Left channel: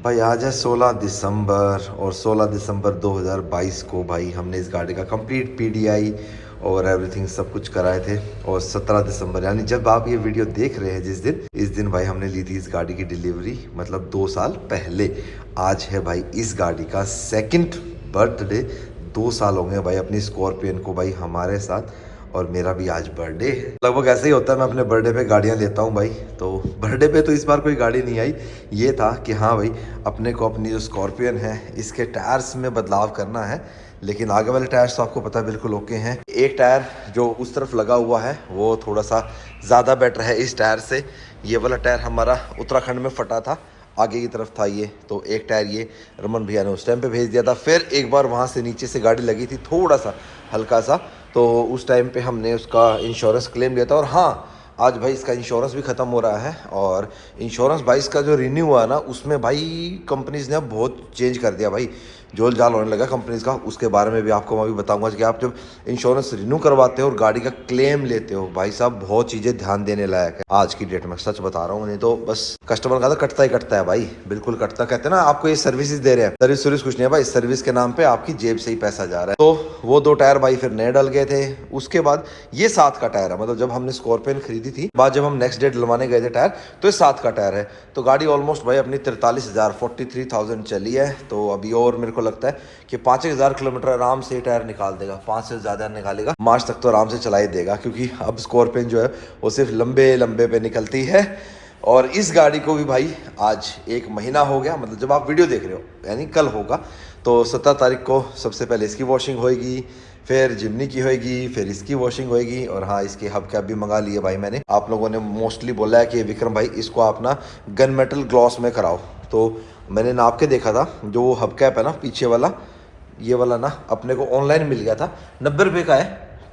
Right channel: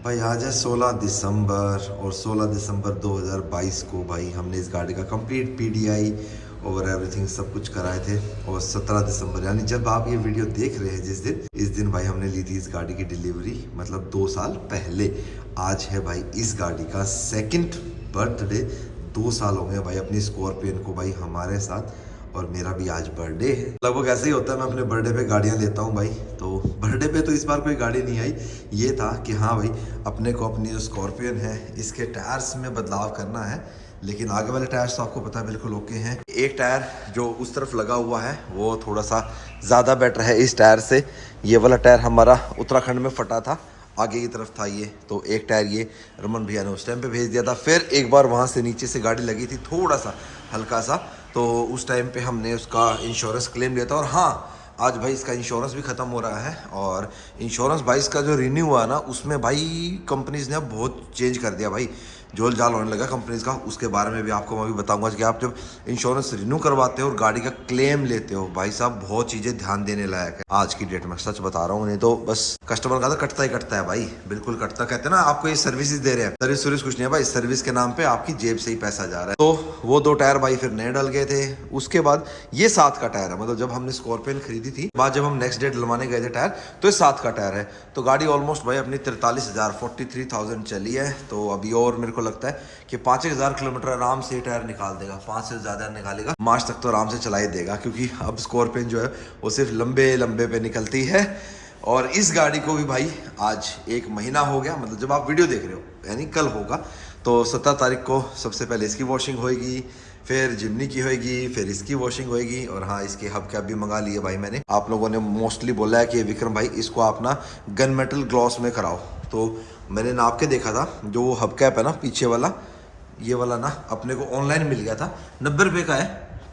भाई आज है 16 दिसंबर और 16 दिसंबर 2022 को भाई हमने इस गाड़ी का कंप्लीट पीडीआई और एवरीथिंग सब कुछ कराए थे। और 17 दिसंबर यानी जब आप ये वीडियो देख रहे हैं इस दिन भाई हमने ली थी इस गाड़ी की डिलीवरी, मतलब 2 साल पहले। आज है भाई इस गाड़ी का सेकंड बर्थडे। 2 साल हो गए भाई अपनी स्कॉर्पियन को भाई हमारे साथ, और मेरा भी आज बर्थडे है। लगभग ऐसे ही होता है, मैं अपने बर्थडे पे गाड़ियाँ लेता हूँ भाई। तो बर्थडे पे तो इस बार कोई गाड़ी नहीं आई। ये था कि हाँ भाई अपने को अपनी जो स्कॉर्पियन है इसके टायर्स में बदलाव करना है, लेकिन आगे वाले टायर्स तो आपको पता है बिल्कुल ओके हैं। एक टायर जो उस तरफ लगा हुआ है वो थोड़ा सा ज़्यादा बेटर है इस टायर से। ये वाला टायर हमारा उत्तराखंड में फटा था, आगे की तरफ था ये, तो एक टायर ये रमन भैया ने उस टाइम पे भेज दिया था। फिर एक बार वहाँ से नीचे से गाड़ी लगी थी थोड़ा सा हल्का सा, तो उस टाइम पे हमने उसका इंश्योरेंस क्लेम लिया था। और हाँ, आज भाई इसका इंश्योरेंस भी ख़त्म हो रहा है, और इंश्योरेंस भाई इसका जो रिन्यू हुआ ना उसमें भाई कंपनीज़ ने अब बहुत चेंज कर दिया भाई, जोल जाल होने लगा कंपनीज़ का। उसके बारे में भी आपको मैं भी बताऊंगा कि आप जब इंश्योरेंस रिन्यू करवाते हो और गाड़ी का क्लेम लेते हो भाई साहब, बहुत चीज़ें ध्यान देने लायक है आज की डेट में, सच बता रहा हूँ। नहीं तो बस कस्टमर का तो कटता ही कटता है भाई, बिल्कुल कटता। कहते हैं ना आपको ये सर्विसेज दे रहे हैं, सर्विस कुछ नहीं है भाई, सर्विस के नाम पे आपकी जेब से ही पैसा जा रहा है। तो वो 2 टायर भाई फिर नए डल गए थे। उसके बाद ये 7 का टायर है, मतलब जब हमने स्कॉर्पियन खरीदी थी बाद जब हम नेक्स्ट डे डलवाने गए थे टायर, तो ये 7 का टायर है। तो गाड़ी ऑलमोस्ट भाई अपनी 43,000 चली है। तो अभी और मेरे को लगता है कि 5,000 किलोमीटर आराम से टायर निकाल देगा, 5 से ज़्यादा निकालेगा, मार्च तक तो आराम से चला ही देगा, क्योंकि अब स्कॉर्पियन जो है वो सिर्फ लंबे लंबे पे निकलती है। और इस गाड़ी को भी भाई आज 1 महीना हो गया, मतलब जब आप वीडियो देख रहे हो यानी कल होगा। तो 17 तारीख को सबसे पहले इसकी वॉशिंग होएगी, फिर जिमनी की होएगी, फिर इसकी वॉशिंग होएगी। और हाँ, इसके हब कैप भी मंगा लिए भाई मैंने। आप लोगों ने मोस्टली बोला है कि विक्रम भाई इसको आप ना गन मेटल ग्लॉस में कराओ, तो मैंने नाप के देखा था, जो वो हब कैप है ना पीछे वाला, ये वाला ना अपने को ऑनलाइन मिल गया था, 90 रुपये का है,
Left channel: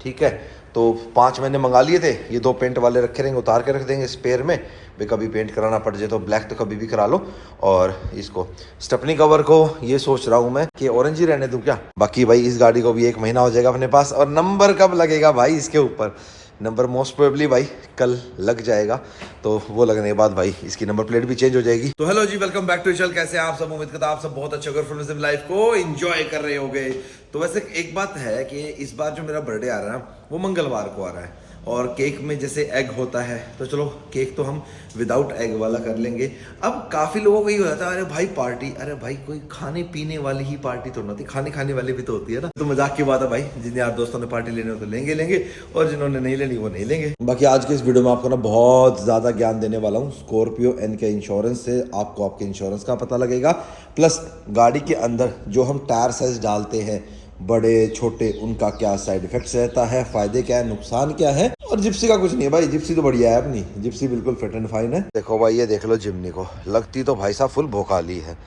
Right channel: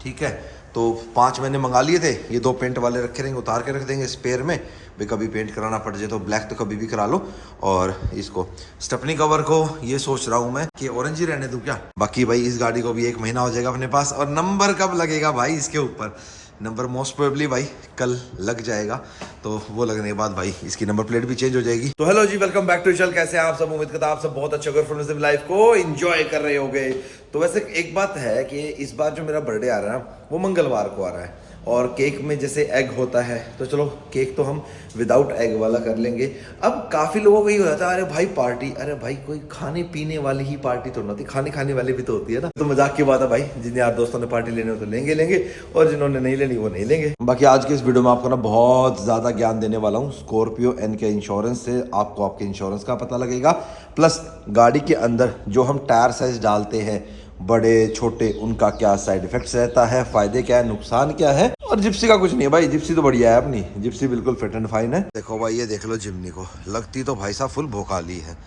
ठीक है। तो 5 मैंने मंगा लिए थे। ये 2 पेंट वाले रखे रहेंगे, उतार के रख देंगे स्पेयर में, भाई कभी पेंट कराना पड़ जाए तो ब्लैक तो कभी भी करा लो। और इसको स्टेपनी कवर को ये सोच रहा हूँ मैं कि ऑरेंज ही रहने दूँ क्या। बाकी भाई इस गाड़ी को भी 1 महीना हो जाएगा अपने पास। और नंबर कब लगेगा भाई इसके ऊपर, नंबर मोस्ट प्रोबेबली भाई कल लग जाएगा। तो वो लगने के बाद भाई इसकी नंबर प्लेट भी चेंज हो जाएगी। तो hello ji, welcome back to channel. कैसे हैं आप सब? उम्मीद करता आप सब बहुत अच्छे और लाइफ को एंजॉय कर रहे होगे। तो वैसे एक बात है कि इस बार जो मेरा बर्थडे आ रहा है वो मंगलवार को आ रहा है, और केक में जैसे एग होता है तो चलो केक तो हम विदाउट एग वाला कर लेंगे। अब काफ़ी लोगों को ये हो जाता है, अरे भाई पार्टी, अरे भाई कोई खाने पीने वाली ही पार्टी तो नहीं, खाने वाली भी तो होती है ना। तो मजाक की बात है भाई, जिन यार दोस्तों ने पार्टी लेनी हो तो लेंगे, और जिन्होंने नहीं लेनी वो नहीं लेंगे। बाकी आज के इस वीडियो में आपको ना बहुत ज़्यादा ज्ञान देने वाला हूँ स्कॉर्पियो एन के इंश्योरेंस से। आपको आपके इंश्योरेंस का पता लगेगा, प्लस गाड़ी के अंदर जो हम टायर साइज डालते हैं बड़े छोटे, उनका क्या साइड इफेक्ट्स रहता है, फायदे क्या है, नुकसान क्या है। और जिप्सी का कुछ नहीं है भाई, जिप्सी तो बढ़िया है अपनी, जिप्सी बिल्कुल फिट एंड फाइन है। देखो भाई, ये देख लो जिमनी को, लगती तो भाई साहब फुल भोकाली है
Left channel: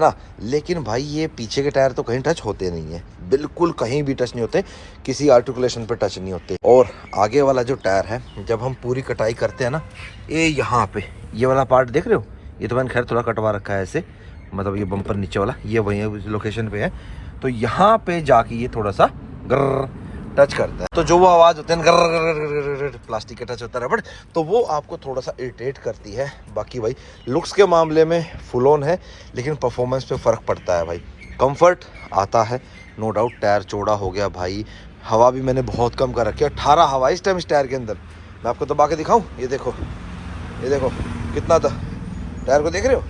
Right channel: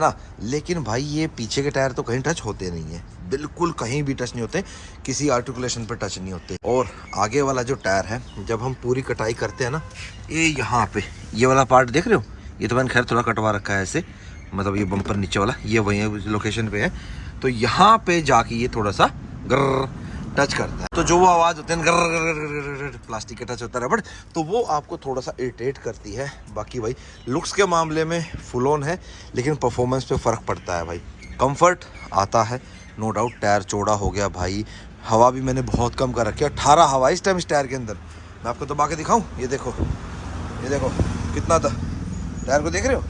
ना। लेकिन भाई ये पीछे के टायर तो कहीं टच होते नहीं है, बिल्कुल कहीं भी टच नहीं होते, किसी आर्टिकुलेशन पे टच नहीं होते। और आगे वाला जो टायर है जब हम पूरी कटाई करते हैं ना, ये यहाँ पे ये वाला पार्ट देख रहे हो, ये तो मैंने खैर थोड़ा कटवा रखा है ऐसे, मतलब ये बम्पर नीचे वाला ये वही लोकेशन पे है। तो यहाँ पे जाके ये थोड़ा सा गर्र टच करता है, तो जो वो आवाज़ होती है गर्र प्लास्टिक का टच होता है रबड़, तो वो आपको थोड़ा सा इरिटेट करती है। बाकी भाई लुक्स के मामले में फुल ऑन है, लेकिन परफॉर्मेंस पे फ़र्क पड़ता है भाई। कंफर्ट आता है नो डाउट, टायर चौड़ा हो गया भाई, हवा भी मैंने बहुत कम कर रखी है, 18 हवा इस टाइम इस टायर के अंदर। मैं आपको दबा के दिखाऊँ, ये देखो कितना था, टायर को देख रहे हो,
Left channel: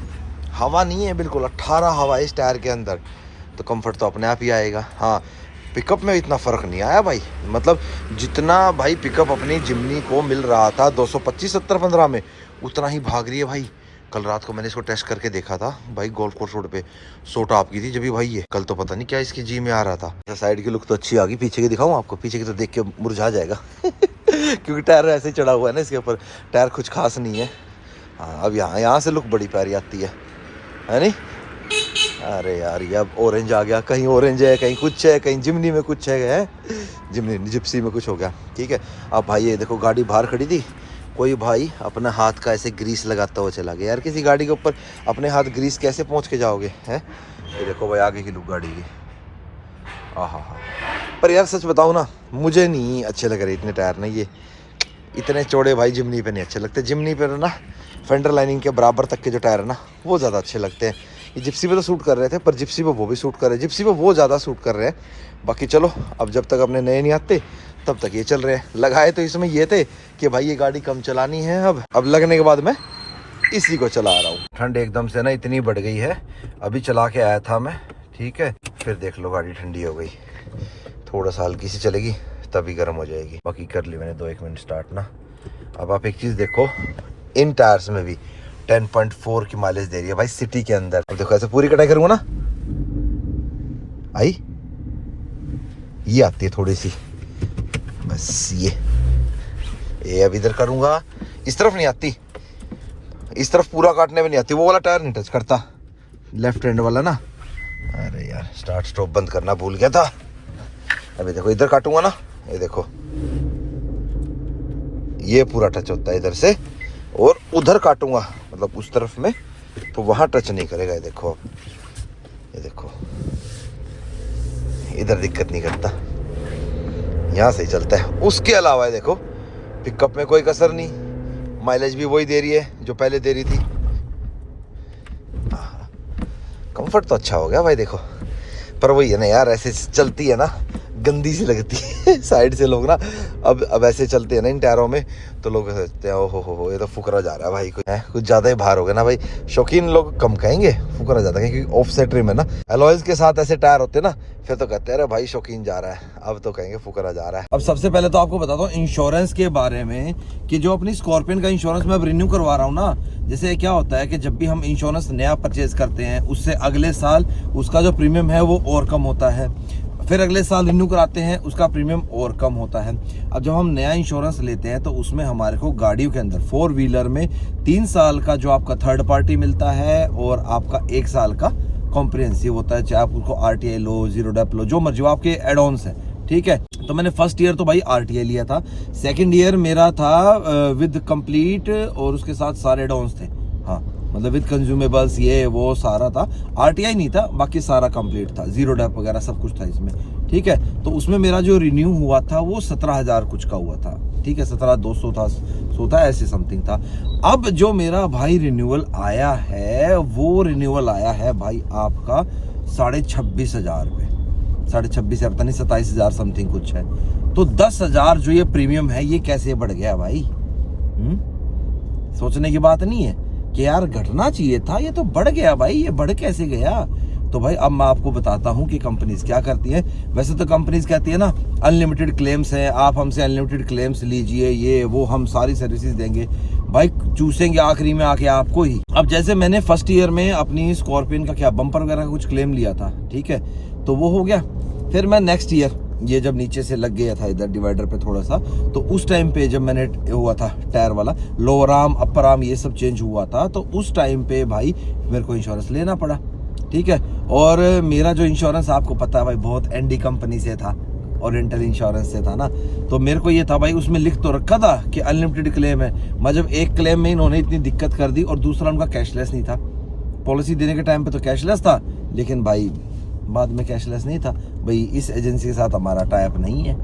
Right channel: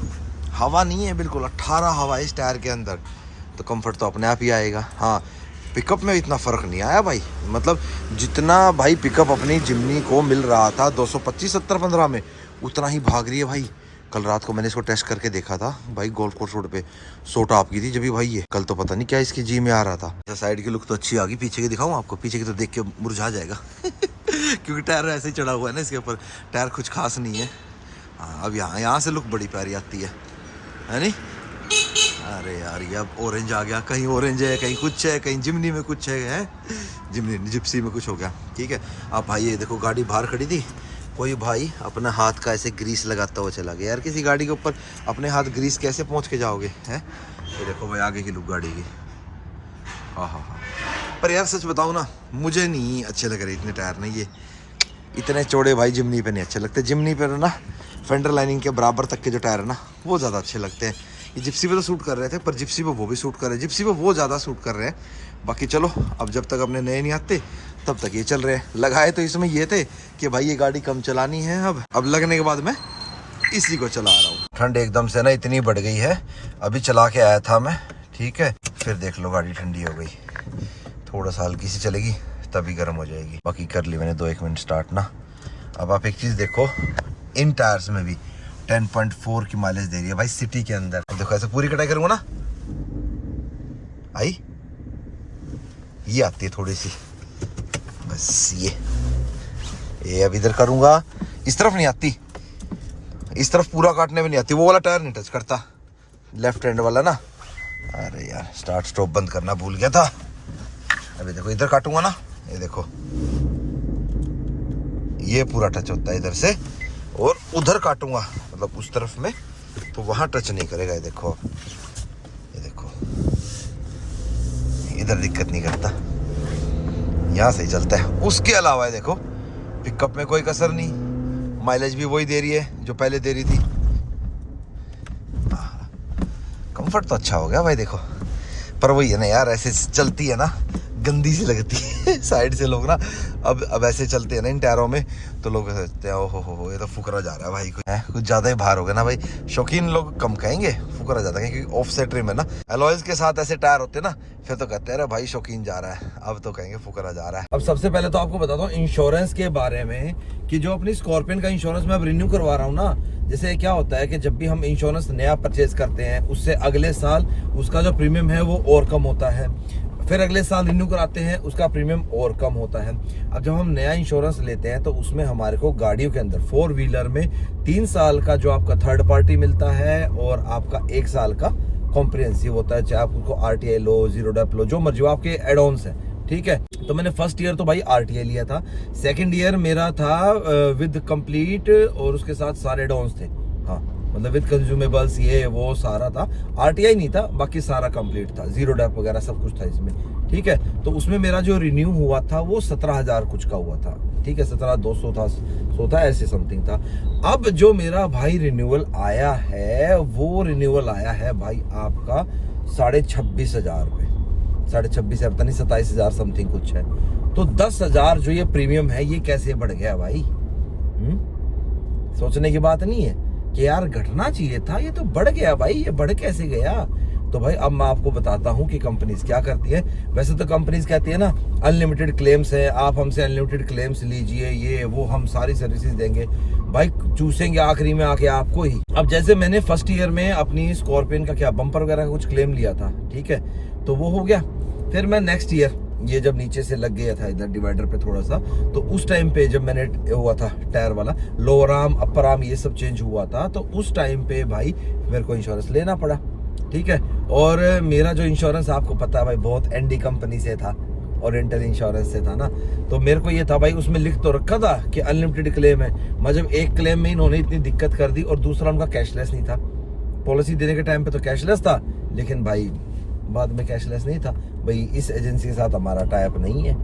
हवा नहीं है बिल्कुल, 18 हवा इस टायर के अंदर। तो कंफर्ट तो अपने आप ही आएगा। हाँ, पिकअप में इतना फ़र्क नहीं आया भाई, मतलब जितना भाई पिकअप अपनी जिमनी को मिल रहा था 225 70 15 में, उतना ही भाग रही है भाई। कल रात को मैंने इसको टेस्ट करके देखा था भाई, गोल्फ कोर्स रोड पे 100 टॉप की थी जब भी भाई, ये कल तो पता नहीं क्या इसकी जी में आ रहा था। साइड की लुक तो अच्छी आ गई, पीछे की दिखाऊँ आपको, पीछे की तो देख के मुरझा जाएगा क्योंकि टायर ऐसे ही चढ़ा हुआ है ना इसके ऊपर, टायर कुछ खास नहीं है। हाँ, अब यहाँ से लुक बड़ी प्यारी आती है नहीं। अरे यार ये अब ऑरेंज आ गया, कहीं ऑरेंज है, कहीं कुछ है, कहीं जिमनी में कुछ है, जिमनी जिप्सी में कुछ हो गया, ठीक है। अब भाई ये देखो गाड़ी बाहर खड़ी थी, कोई भाई अपना हाथ का ऐसे ग्रीस लगाता हुआ चला गया। यार किसी गाड़ी के ऊपर अपने हाथ ग्रीस कैसे पहुंच के जाओगे हैं। ये देखो भाई आगे की लुक गाड़ी की, हाँ। पर यार सच बताऊँ ना, मुझे नहीं अच्छे लग रहे इतने टायर ना, ये इतने चौड़े भाई जिमनी पे नहीं अच्छे लगते। जिमनी पे ना फेंडर लाइनिंग के बराबर तक के जो टायर है ना वो ज़्यादा अच्छे लगते हैं। ये जिप्सी पे तो सूट कर रहे थे, पर जिप्सी पे वो भी सूट कर रहे हैं, जिप्सी पे वो ज़्यादा सूट कर रहे हैं। बाकी चलो, अब जब तक अपने नए नहीं आते तब तक ये चल रहे हैं। लगाए तो इसमें ये थे कि भाई ये गाड़ी कम चलानी है, अब लगने के बाद मैं इसी को चला रहा हूँ। ठंड एकदम से ना इतनी बढ़ गई है, अभी चला के आया था मैं, ठीक है, फिर देख लो गाड़ी ठंडी हो गई। थोड़ा सा हल्की सी चलेगी तभी गर्म हो जाएगी। बाकी कर ली मैंने 2-1 मिनट स्टार्ट ना। अब आप एक चीज़ देखो, इन टायर्स में भी 10.4 की माइलेज दे रही है भाई सिटी के अंदर। अब देखो ऐसे पूरी कटाई करूँगा ना, आई ये आती है थोड़ी सी, बस ये अब इधर करूँगा, इस तरफ नहीं आती, इस तरफ पूरा काटने में नहीं आती, वो वाला टायर नहीं टच करता, लेफ्ट हैंड वाला ना। अरे यार स्टार्ट स्टॉप बंद करना भूल गया था। अभी देखो इधर काटूंगा ना, ये देखो ये पूरा टच होता है इधर से, और उधर काटूंगा मतलब उस तरफ में तो वहां टच नहीं करेगा। ये देखो, ये देखो इधर दिक्कत नहीं करता, यहाँ सही चलता है। उसके अलावा ये देखो पिकअप में कोई कसर नहीं, माइलेज भी वही दे रही है जो पहले दे रही थी। कंफर्ट तो अच्छा हो गया भाई देखो, पर वही है ना यार, ऐसे चलती है ना गंदी सी लगती है साइड से लोग ना, अब ऐसे चलते हैं ना इन टायरों में तो लोग सोचते हैं हो ये तो फुकरा जा रहा है भाई, कुछ ज़्यादा ही भार हो गया ना भाई। शौकीन लोग कम कहेंगे, फुकरा ज़्यादा कहेंगे, क्योंकि ऑफसेट रिम है ना, अलॉयज के साथ ऐसे टायर होते हैं ना, फिर तो कहते हैं अरे भाई शौकीन जा रहा है, अब तो कहेंगे फुकरा जा रहा है। अब सबसे पहले तो आपको बताता हूँ इंश्योरेंस के बारे में, कि जो अपनी स्कॉर्पियन का इंश्योरेंस मैं अब रिन्यू करवा रहा हूँ ना, जैसे क्या होता है कि जब भी हम इंश्योरेंस नया परचेज करते हैं उससे अगले साल उसका जो प्रीमियम है वो और कम होता है, फिर अगले साल रिन्यू कराते हैं उसका प्रीमियम और कम होता है। अब जब हम नया इंश्योरेंस लेते हैं तो उसमें हमारे को गाड़ियों के अंदर 4 व्हीलर में 3 साल का जो आपका थर्ड पार्टी मिलता है और आपका 1 साल का कॉम्प्रिहेंसिव होता है, चाहे आप उसको RTI लो, जीरो डेप लो, जो मर्जी आपके एड ऑन्स है, ठीक है। तो मैंने फर्स्ट ईयर तो भाई RTI लिया था, सेकंड ईयर मेरा था विद कंप्लीट और उसके साथ सारे एड ऑन्स थे, हाँ मतलब विद कंज्यूमेबल्स ये वो सारा था, RTI नहीं था, बाकी सारा कंप्लीट था, जीरो डेप वगैरह सब कुछ था इसमें, ठीक है। तो उसमें मेरा जो रिन्यू हुआ था वो 17,000 कुछ का हुआ था, ठीक है, 17,200 था, 100 था, ऐसे समथिंग था। अब जो मेरा भाई रिन्यूअल आया है वो रिन्यूअल आया है भाई आपका 26,500 रुपये, 26,500 है, पता नहीं 27,000 समथिंग कुछ है। तो 10,000 जो ये प्रीमियम है ये कैसे बढ़ गया भाई? सोचने की बात नहीं है कि यार घटना चाहिए था, ये तो बढ़ गया भाई, ये बढ़ कैसे गया? तो भाई अब मैं आपको बताता हूँ कि कंपनीज क्या करती है। वैसे तो कंपनीज कहती है ना अनलिमिटेड क्लेम्स है, आप हमसे अनलिमिटेड क्लेम्स लीजिए, ये वो हम सारी सर्विसेज देंगे, भाई चूसेंगे आखिरी में आके आपको ही। अब जैसे मैंने फर्स्ट ईयर में अपनी स्कॉर्पियन का क्या बम्पर वगैरह का कुछ क्लेम लिया था, ठीक है, तो वो हो गया। फिर मैं नेक्स्ट ईयर ये जब नीचे से लग गया था इधर डिवाइडर पे थोड़ा सा, तो उस टाइम पे जब मैंने हुआ था टायर वाला लोअर आर्म अपर आर्म ये सब चेंज हुआ था, तो उस टाइम पे भाई मेरे को इंश्योरेंस लेना पड़ा, ठीक है। और मेरा जो इंश्योरेंस आपको पता है भाई बहुत एनडी कंपनी से था, ओरिएंटल इंश्योरेंस से था ना, तो मेरे को ये था भाई उसमें लिख तो रखा था कि अनलिमिटेड क्लेम है, मतलब एक क्लेम में इन्होंने इतनी दिक्कत कर दी, और दूसरा उनका कैशलेस नहीं था। पॉलिसी देने के टाइम पे तो कैशलेस था, लेकिन भाई बाद में कैशलेस नहीं था। भाई इस एजेंसी के साथ हमारा टाई अप नहीं है।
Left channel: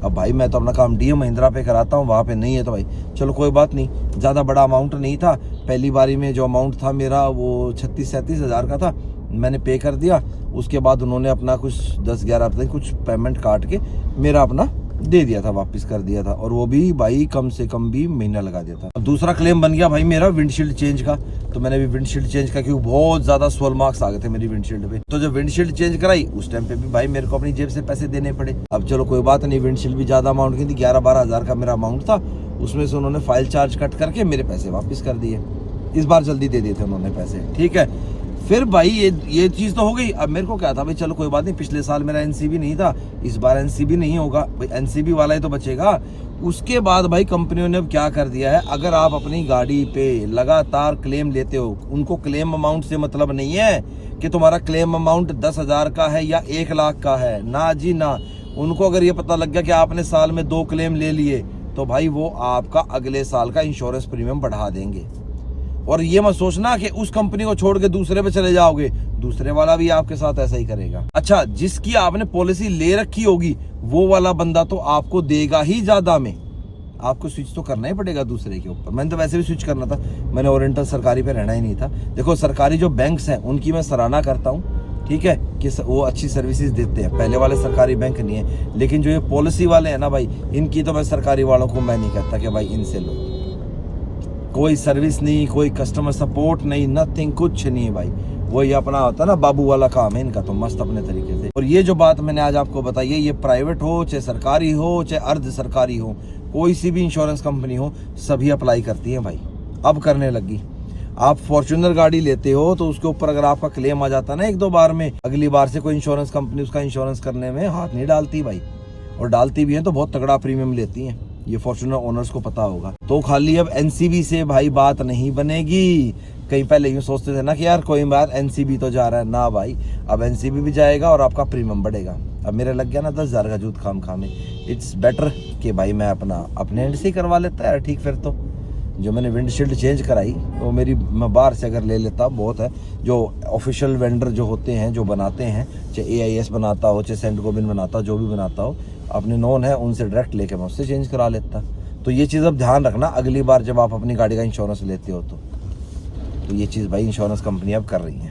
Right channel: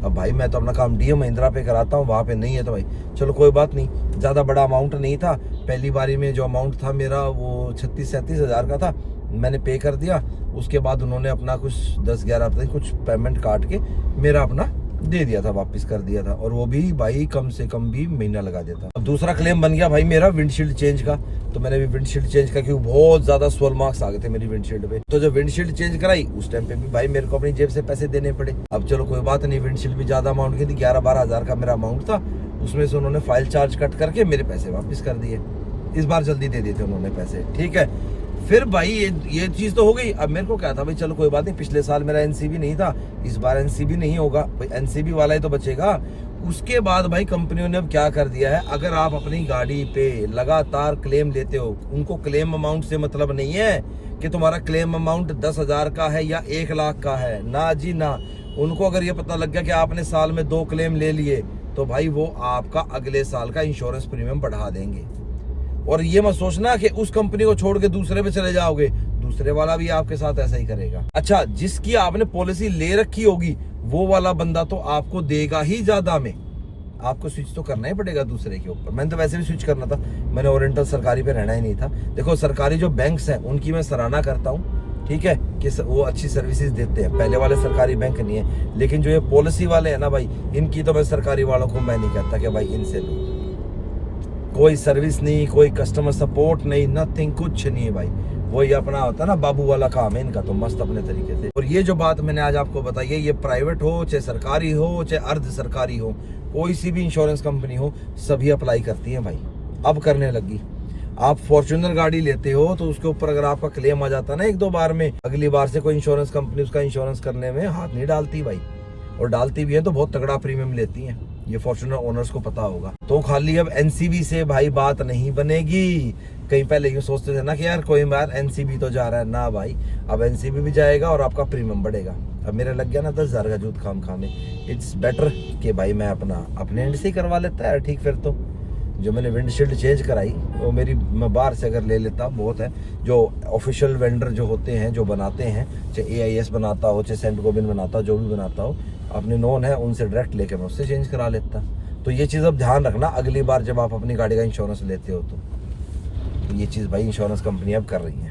अब भाई मैं तो अपना काम डीएम महिंद्रा पे कराता हूँ, वहाँ पे नहीं है, तो भाई चलो कोई बात नहीं, ज़्यादा बड़ा अमाउंट नहीं था। पहली बारी में जो अमाउंट था मेरा वो 36-37 हज़ार का था, मैंने पे कर दिया। उसके बाद उन्होंने अपना कुछ 10-11 हफ्ते कुछ पेमेंट काट के मेरा अपना दे दिया था, वापस कर दिया था, और वो भी भाई कम से कम भी महीना लगा देता। अब दूसरा क्लेम बन गया भाई मेरा विंडशील्ड चेंज का, तो मैंने भी विंडशील्ड चेंज का, क्योंकि बहुत ज्यादा स्वेल मार्क्स आ गए थे मेरी विंडशील्ड पे, तो जब विंडशील्ड चेंज कराई उस टाइम पे भी भाई मेरे को अपनी जेब से पैसे देने पड़े। अब चलो कोई बात नहीं, विंडशील्ड भी ज्यादा अमाउंट की थी, 11-12 हज़ार का मेरा अमाउंट था, उसमें से उन्होंने फाइल चार्ज कट करके मेरे पैसे वापस कर दिए। इस बार जल्दी दे दिए थे उन्होंने पैसे, ठीक है। फिर भाई ये चीज तो हो गई। अब मेरे को क्या था भाई, चलो कोई बात नहीं, पिछले साल मेरा एनसीबी नहीं था, इस बार एनसीबी नहीं होगा, भाई एनसीबी वाला ही तो बचेगा। उसके बाद भाई कंपनियों ने अब क्या कर दिया है, अगर आप अपनी गाड़ी पे लगातार क्लेम लेते हो, उनको क्लेम अमाउंट से मतलब नहीं है कि तुम्हारा क्लेम अमाउंट 10,000 का है या 1 लाख का है, ना जी ना। उनको अगर ये पता लग गया कि आपने साल में 2 क्लेम ले लिए, तो भाई वो आपका अगले साल का इंश्योरेंस प्रीमियम बढ़ा देंगे। और ये मत सोचना कि उस कंपनी को छोड़ के दूसरे पे चले जाओगे, दूसरे वाला भी आपके साथ ऐसा ही करेगा। अच्छा, जिसकी आपने पॉलिसी ले रखी होगी वो वाला बंदा तो आपको देगा ही ज्यादा में, आपको स्विच तो करना ही पड़ेगा दूसरे के ऊपर। मैंने तो वैसे भी स्विच करना था, मैंने ओरिएंटल सरकारी पे रहना ही नहीं था। देखो सरकारी जो बैंक्स हैं उनकी मैं सराहना करता हूँ, ठीक है, कि वो अच्छी सर्विसेज देते हैं, पहले वाले सरकारी बैंक नहीं है। लेकिन जो ये पॉलिसी वाले हैं ना भाई, इनकी तो मैं सरकारी वालों को मैं नहीं कहता कि भाई इनसे लो। कोई सर्विस नहीं, कोई कस्टमर सपोर्ट नहीं, नथिंग, कुछ नहीं भाई। वही अपना होता है ना बाबू वाला काम है इनका, तो मस्त अपने तरीके से। और ये जो बात मैंने आज आपको बताई है, ये प्राइवेट हो चाहे सरकारी हो चाहे अर्ध सरकारी हो, कोई सी भी इंश्योरेंस कंपनी हो, सभी अप्लाई करती है भाई, अब करने लगी। आप फॉर्च्यूनर गाड़ी लेते हो तो उसके ऊपर अगर आपका क्लेम आ जाता है ना 1-2 बार में, अगली बार से कोई इंश्योरेंस कंपनी उसका इंश्योरेंस करने में हाथ नहीं डालती भाई। और डालती भी है तो बहुत तगड़ा प्रीमियम लेती है, ये फॉर्च्यूनर ओनर्स को पता होगा। तो खाली अब एनसीबी से भाई बात नहीं बनेगी। कहीं पहले यूँ सोचते थे ना कि यार कोई बार एनसीबी तो जा रहा है ना भाई, अब एनसीबी भी जाएगा और आपका प्रीमियम बढ़ेगा। अब मेरा लग गया ना 10,000 का जूत खाम खामे। इट्स बेटर कि भाई मैं अपने एंड से ही करवा लेता है। ठीक, फिर तो जो मैंने विंडशील्ड चेंज कराई वो मैं बाहर से अगर ले लेता बहुत है। जो ऑफिशियल वेंडर जो होते हैं, जो बनाते हैं, चाहे AIS बनाता हो चाहे सेंट गोबिन बनाता हो, जो भी बनाता हो, अपने नोन है उनसे डायरेक्ट लेके मैं उससे चेंज करा लेता। तो ये चीज़ अब ध्यान रखना अगली बार जब आप अपनी गाड़ी का इंश्योरेंस लेते हो तो ये चीज़ भाई इंश्योरेंस कंपनी अब कर रही है,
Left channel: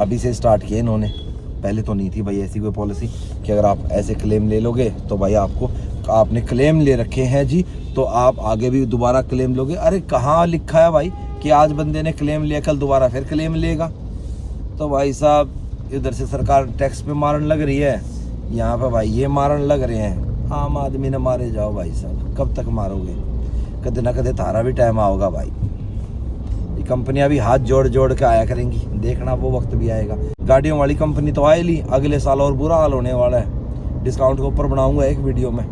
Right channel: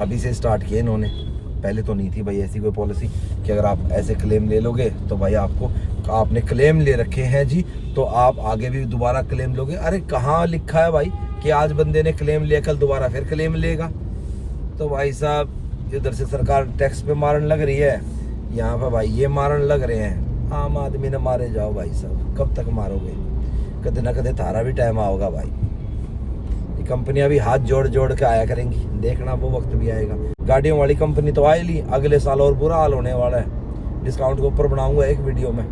अभी से स्टार्ट किए इन्होंने। पहले तो नहीं थी भाई ऐसी कोई पॉलिसी कि अगर आप ऐसे क्लेम ले लोगे तो भाई आपने क्लेम ले रखे हैं जी तो आप आगे भी दोबारा क्लेम लोगे। अरे कहाँ लिखा है भाई कि आज बंदे ने क्लेम लिया कल दोबारा फिर क्लेम लेगा? तो भाई साहब इधर से सरकार टैक्स पे मारने लग रही है, यहाँ पे भाई ये मारने लग रहे हैं। आम आदमी ने मारे जाओ भाई साहब, कब तक मारोगे? कदे ना कदे तारा भी टाइम आओगा भाई। कंपनियां भी हाथ जोड़ जोड़ के आया करेंगी, देखना वो वक्त भी आएगा। गाड़ियों वाली कंपनी तो आए ली, अगले साल और बुरा हाल होने वाला है। डिस्काउंट के ऊपर बनाऊंगा एक वीडियो में,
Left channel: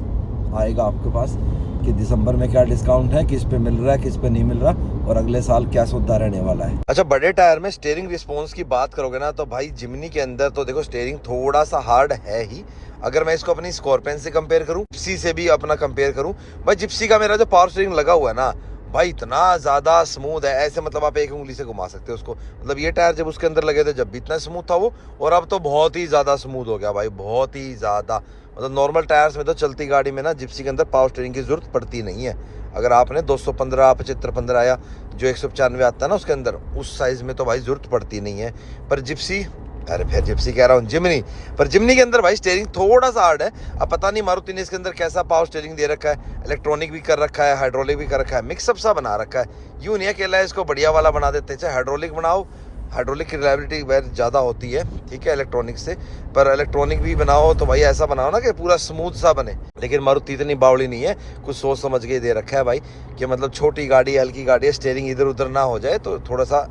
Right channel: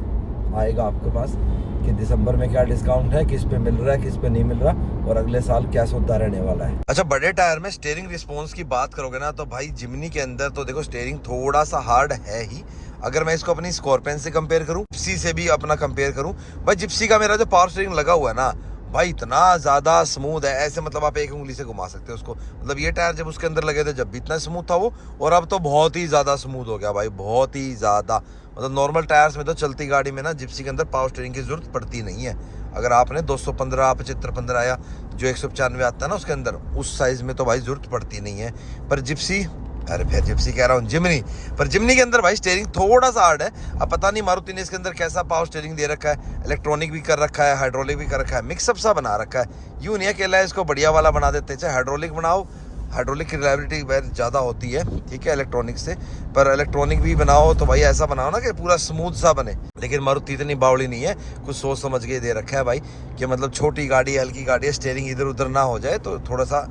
आएगा आपके पास कि दिसंबर में क्या डिस्काउंट है, किस पे मिल रहा है किस पे नहीं मिल रहा, और अगले साल क्या सौदा रहने वाला है। अच्छा, बड़े टायर में स्टीयरिंग रिस्पॉन्स की बात करोगे ना तो भाई जिमनी के अंदर तो देखो स्टीयरिंग थोड़ा सा हार्ड है ही। अगर मैं इसको अपनी स्कॉर्पियन से कंपेयर करूं, जिप्सी से भी अपना कंपेयर करूं, भाई जिप्सी का मेरा जो पावर स्टीयरिंग लगा हुआ है ना भाई इतना ज्यादा स्मूथ है, ऐसे मतलब आप एक उंगली से घुमा सकते हो उसको। मतलब ये टायर जब उसके अंदर लगे थे जब भी इतना स्मूथ था वो, और अब तो बहुत ही ज्यादा स्मूथ हो गया भाई, बहुत ही ज्यादा। मतलब नॉर्मल टायर्स में तो चलती गाड़ी में ना जिप्सी के अंदर पावर स्टीयरिंग की जरूरत पड़ती नहीं है। अगर आपने 215 75 या जो 195 आता है ना उसके अंदर, उस साइज में तो भाई जरूरत पड़ती नहीं है। पर जिप्सी, अरे फिर जिप्सी कह रहा हूँ, जिमनी, पर जिमनी के अंदर भाई स्टीयरिंग थोड़ा सा हार्ड है। अब पता नहीं मारुति ने इसके अंदर कैसा पावर स्टीयरिंग दे रखा है, इलेक्ट्रॉनिक भी कर रखा है, हाइड्रोलिक भी कर रखा है, मिक्सअप सा बना रखा है। यूँ नहीं अकेला है, इसको बढ़िया वाला बना देते, चाहे हाइड्रोलिक बनाओ, हाइड्रोलिक की रिलायबिलिटी बहुत ज़्यादा होती है, ठीक है, इलेक्ट्रॉनिक से। पर इलेक्ट्रॉनिक भी बनाओ तो भाई ऐसा बनाओ ना कि पूरा स्मूथ सा बने। लेकिन मारुति इतनी बावड़ी नहीं है, कुछ सोच समझ के दे रखा है भाई कि मतलब छोटी गाड़ी हल्की गाड़ी है, स्टीयरिंग इधर उधर ना हो जाए, तो थोड़ा सा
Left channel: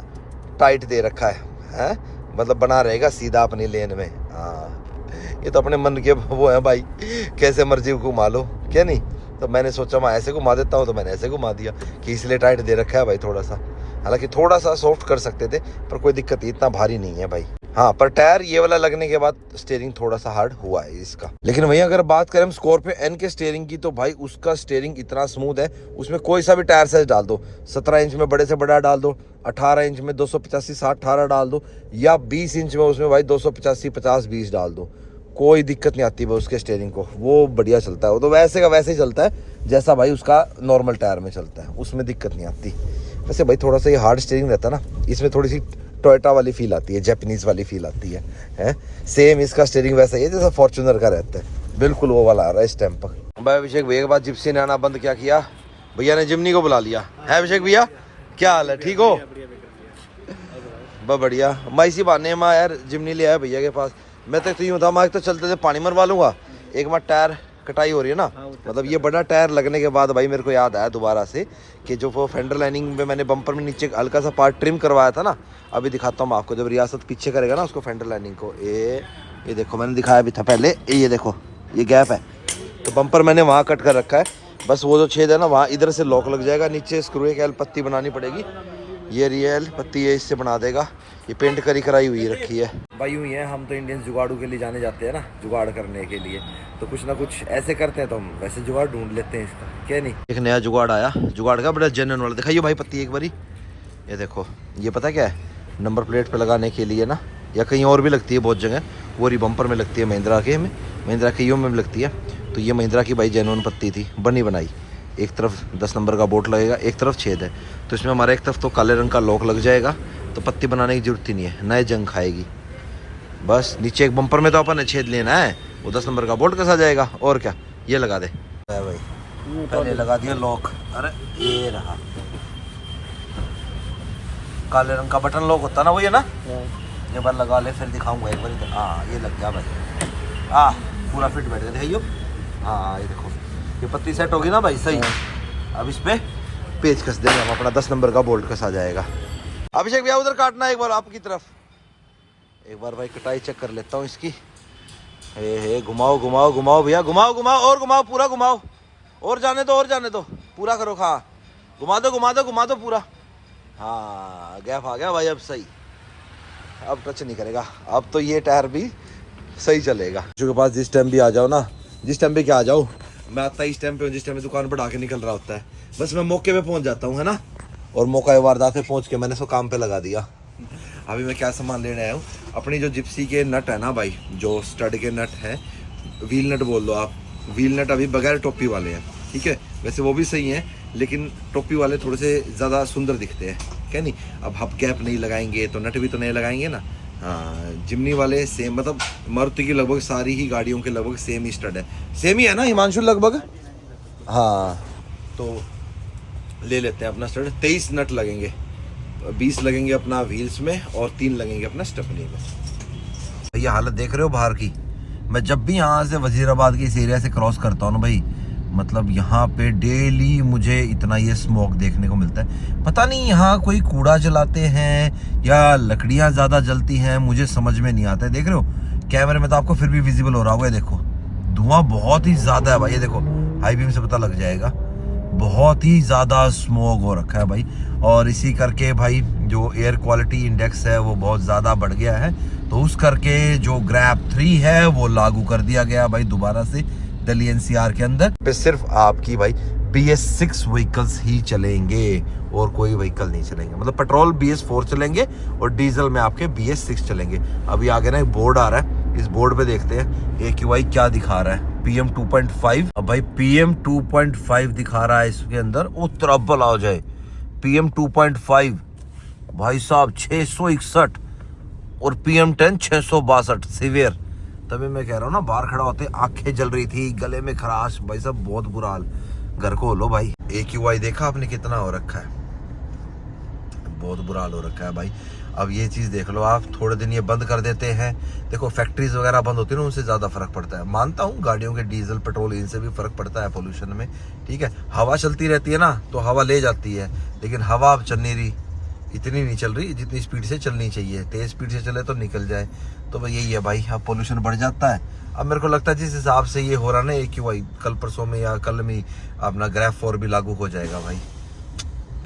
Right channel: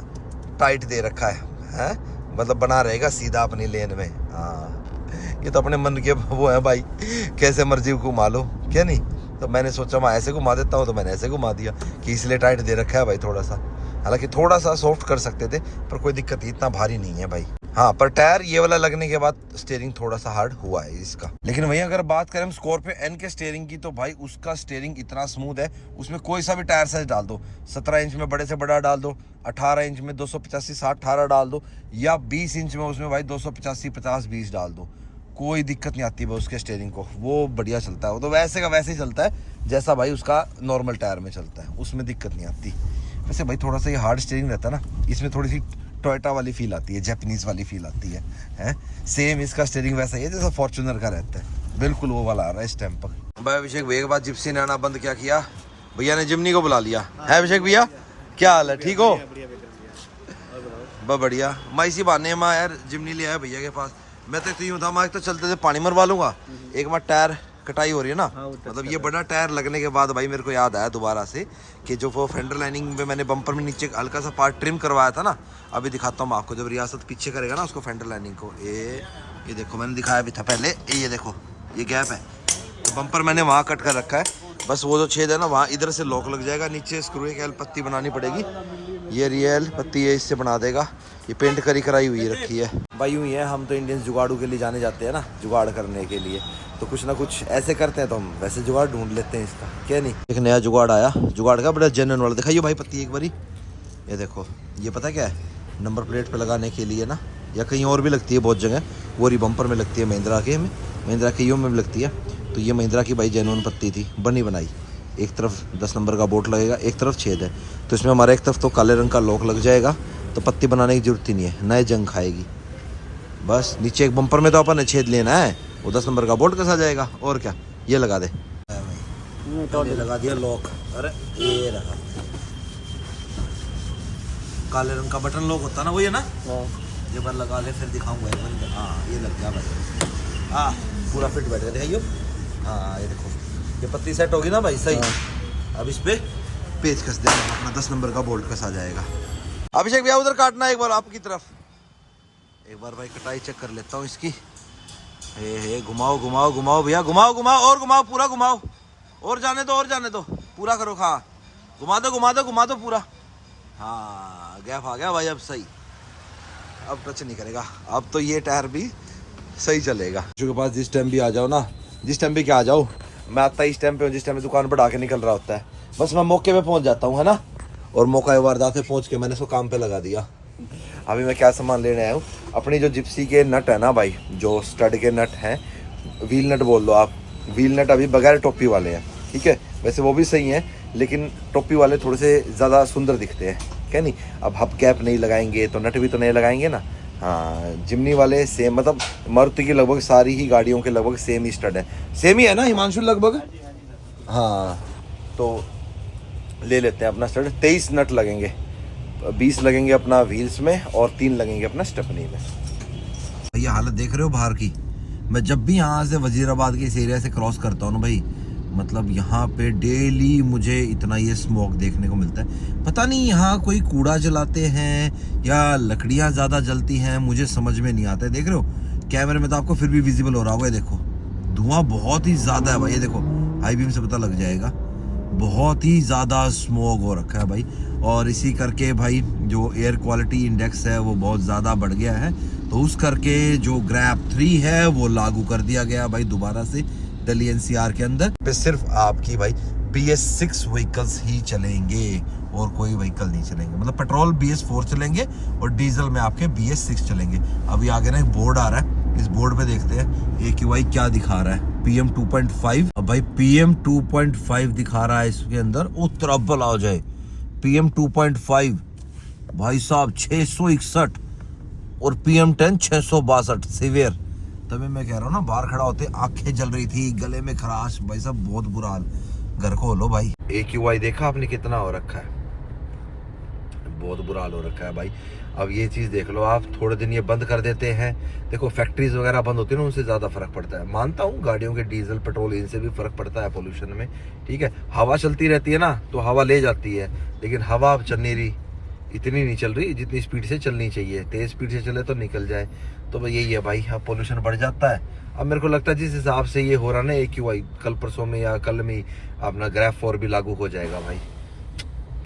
टाइट दे रखा है, मतलब बना रहेगा सीधा अपनी लेन में। हाँ, ये तो अपने मन के वो है भाई, कैसे मर्जी घुमा लो, क्या नहीं। तो मैंने सोचा मैं ऐसे घुमा देता हूँ, तो मैंने ऐसे घुमा दिया कि इसलिए टाइट दे रखा है भाई थोड़ा सा। हालांकि थोड़ा सा सॉफ्ट कर सकते थे, पर कोई दिक्कत नहीं, इतना भारी नहीं है भाई। हाँ, पर टायर ये वाला लगने के बाद स्टीयरिंग थोड़ा सा हार्ड हुआ है इसका। लेकिन भैया अगर बात करें हम स्कॉर्पियो एन के स्टीयरिंग की, तो भाई उसका स्टीयरिंग इतना स्मूथ है, उसमें कोई सा भी टायर साइज डाल दो, 17 इंच में बड़े से बड़ा डाल दो, 18 इंच में 285 60 18 डाल दो, या 20 इंच में उसमें भाई 285 50 20 डाल दो, कोई दिक्कत नहीं आती भाई उसके स्टीयरिंग को। वो बढ़िया चलता है, वो तो वैसे का वैसे ही चलता है जैसा भाई उसका नॉर्मल टायर में चलता है, उसमें दिक्कत नहीं आती। वैसे भाई थोड़ा सा ये हार्ड स्टीयरिंग रहता है ना, इसमें थोड़ी सी टोयोटा वाली फील आती है, जापानीज वाली फील आती है। सेम इसका स्टीयरिंग वैसा ही है जैसा फॉर्च्यूनर का रहता है, बिल्कुल वो वाला आ रहा है इस टाइम पर। भाई अभिषेक भैया के बाद जिप्सी ने आना बंद क्या किया, भैया ने जिमनी को बुला लिया है। अभिषेक भैया क्या हाल है, ठीक हो? बहुत बढ़िया। मैं इसी बहाने माँ यार जिमनी ले आया भैया के पास। मैं तो यूँ था, मैं तो चलते थे पानी मरवा लूंगा, एक बार टायर कटाई हो रही है ना, मतलब ये बड़ा टायर लगने के बाद भाई मेरे को याद आया दोबारा से कि जो वो फेंडर लाइनिंग में मैंने बम्पर में नीचे हल्का सा पार्ट ट्रिम करवाया था ना, अभी दिखाता हूँ आपको। जब रियासत पीछे करेगा ना उसको फेंडर लाइनिंग को, ये देखो मैंने दिखाया भी था पहले, ये देखो ये गैप है, तो बम्पर मैंने वहाँ कट कर रखा है। बस वो जो छेद है ना वहाँ इधर से लॉक लग जाएगा, नीचे स्क्रू एक एल पत्ती बनानी पड़ेगी, ये रियल पत्ती है, इससे बना देगा। ये पेंट करी कराई हुई रखी है भाई। यूँ ही है, हम तो इंडियंस जुगाड़ू के लिए जाने जाते हैं ना, जुगाड़ करने के लिए, तो कुछ ना कुछ ऐसे करते हैं, तो हम वैसे जुगाड़ ढूंढ लेते हैं इसका, क्या नहीं। एक नया जुगाड़ आया, जुगाड़ का बड़ा जेन्युइन वाला, दिखाइए भाई पत्ती एक बारी। ये देखो, ये पता क्या है, नंबर प्लेट पे लगाने के लिए ना, या कहीं और भी लगती है बहुत जगह, वो री बम्पर में लगती है, महिंद्रा के में, महिंद्रा के में लगती है। तो ये महिंद्रा की भाई जेन्युइन पत्ती थी, बनी बनाई, एक तरफ 10 नंबर का बोर्ड लगेगा, एक तरफ छेद है, तो इसमें हमारा एक तरफ तो काले रंग का लॉक लग जाएगा, तो पत्ती बनाने की जरूरत ही नहीं है, नए जंग खाएगी। बस नीचे एक बम्पर में तो अपन ने छेद लेना है, वो 10 नंबर का बोल्ट कसा जाएगा, और क्या, ये लगा दे भाई, पहले लगा दिया लॉक। अरे ये रहा काले रंग का बटन लॉक होता ना, वही है ना, ये बार लगा ले फिर दिखाऊंगा एक बार। हाँ ये लग गया भाई, हाँ पूरा फिट बैठ गया यो। हाँ ये देखो, ये पत्ती सेट होगी ना भाई सही। अब इस पे पेच कस देंगे हम, अपना 10 नंबर का बोल्ट कसा जाएगा। अभिषेक भैया उधर काटना एक बार आपकी तरफ, एक बार भाई कटाई चेक कर लेता हूँ इसकी। हे घुमाओ घुमाओ घुमाओ भैया, घुमाओ घुमाओ और घुमाओ, पूरा घुमाओ, और जाने दो, और जाने दो, पूरा करो, खा घुमा दो घुमा दो घुमा दो पूरा। हाँ गैप आ गया भाई, अब सही, अब टच नहीं करेगा, अब तो ये टायर भी सही चलेगा। जो के पास जिस टाइम भी आ जाओ ना, जिस टाइम भी क्या आ जाओ, मैं आता इस टाइम पे जिस टाइम दुकान पर डाके निकल रहा होता है, बस मैं मौके पे पहुंच जाता हूँ, है ना, और मौका वारदात पे पहुंच के मैंने इसको काम पे लगा दिया। अभी मैं क्या सामान लेने आया हूँ, अपनी जो जिप्सी के नट है ना भाई, जो स्टड के नट हैं, व्हील नट बोल दो आप, व्हील नट अभी बगैर टोपी वाले हैं, ठीक है, वैसे वो भी सही हैं, लेकिन टोपी वाले थोड़े से ज़्यादा सुंदर दिखते हैं, क्या नहीं। अब हब कैप नहीं लगाएंगे तो नट भी तो नहीं लगाएंगे ना। हाँ जिमनी वाले सेम, मतलब मारुति की लगभग सारी ही गाड़ियों के लगभग सेम ही स्टड है, सेम ही है ना हिमांशु लगभग। हाँ तो ले लेते हैं अपना स्टड, 23 नट लगेंगे, 20 लगेंगे अपना व्हील्स में और 3 लगेंगे अपना स्टेपनी में। ये हालत देख रहे हो बाहर की, मैं जब भी यहाँ से वजीराबाद के इस एरिया से क्रॉस करता हूँ ना भाई, मतलब यहाँ पे डेली मुझे इतना ये स्मोक देखने को मिलता है। पता नहीं यहाँ कोई कूड़ा जलाते हैं या लकड़ियाँ ज़्यादा जलती हैं, मुझे समझ में नहीं आता है। देख रहे हो कैमरे में तो आपको फिर भी विजिबल हो रहा होगा, देखो धुआं बहुत ही ज़्यादा है भाई, ये देखो हाई बीम से पता लग जाएगा, बहुत ही ज़्यादा स्मोक हो रखा है भाई। और इसी करके भाई जो एयर क्वालिटी इंडेक्स है वो बहुत ज़्यादा बढ़ गया है, तो उस करके जो ग्रैप 3 है वो लागू कर दिया गया भाई दोबारा से दिल्ली एनसीआर के अंदर पे। सिर्फ आपकी भाई BS6 व्हीकल्स ही चलेंगे और कोई व्हीकल नहीं चलेंगे, मतलब पेट्रोल BS4 चलेंगे और डीजल में आपके BS6 चलेंगे। अभी आगे ना एक बोर्ड आ रहा है, इस बोर्ड पे देखते हैं AQI क्या दिखा रहा है, PM 2.5। अब भाई PM 2.5 दिखा रहा है इसके अंदर, वो ट्रबल आ जाए, PM 2.5 भाई साहब 661 और PM 10 662 सीवियर। तभी मैं कह रहा हूँ ना, बाहर खड़ा होते आंखें जल रही थी, गले में खराश, भाई साहब बहुत बुरा हाल। घर को लो भाई, AQI देखा आपने कितना हो रखा है, बहुत बुरा हाल हो रखा है भाई। अब ये चीज़ देख लो आप, थोड़े दिन ये बंद कर देते हैं, देखो फैक्ट्रीज वगैरह बंद होती है ना, उनसे ज़्यादा फर्क पड़ता है। मानता हूँ गाड़ियों के डीजल पेट्रोल इनसे भी फर्क पड़ता है पोल्यूशन में, ठीक है, हवा चलती रहती है ना तो हवा ले जाती है, लेकिन हवा अब चल नहीं रही, इतनी नहीं चल रही जितनी स्पीड से चलनी चाहिए, तेज स्पीड से चले तो निकल जाए। तो भाई यही है भाई, अब पोल्यूशन बढ़ जाता है। अब मेरे को लगता है जिस हिसाब से ये हो रहा ना AQI, कल परसों में या कल में अपना ग्रैप 4 भी लागू हो जाएगा भाई।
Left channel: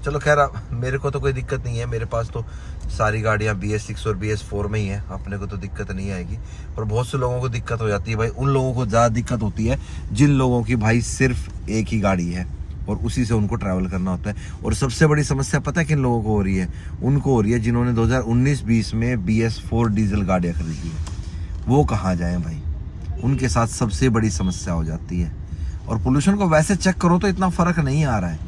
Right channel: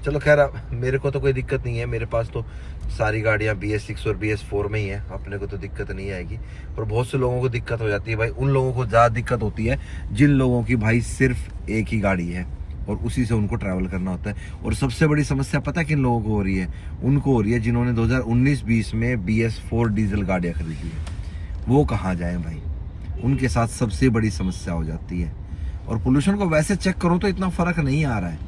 चलो खैर मेरे को तो कोई दिक्कत नहीं है, मेरे पास तो सारी गाड़ियाँ BS6 और BS4 में ही है, अपने को तो दिक्कत नहीं आएगी। पर बहुत से लोगों को दिक्कत हो जाती है भाई, उन लोगों को ज़्यादा दिक्कत होती है जिन लोगों की भाई सिर्फ एक ही गाड़ी है और उसी से उनको ट्रैवल करना होता है। और सबसे बड़ी समस्या पता है किन लोगों को हो रही है, उनको हो रही है जिन्होंने 2019-20 में BS4 डीजल गाड़ियाँ खरीदी है, वो कहाँ जाएँ भाई, उनके साथ सबसे बड़ी समस्या हो जाती है। और पोल्यूशन को वैसे चेक करो तो इतना फ़र्क नहीं आ रहा है,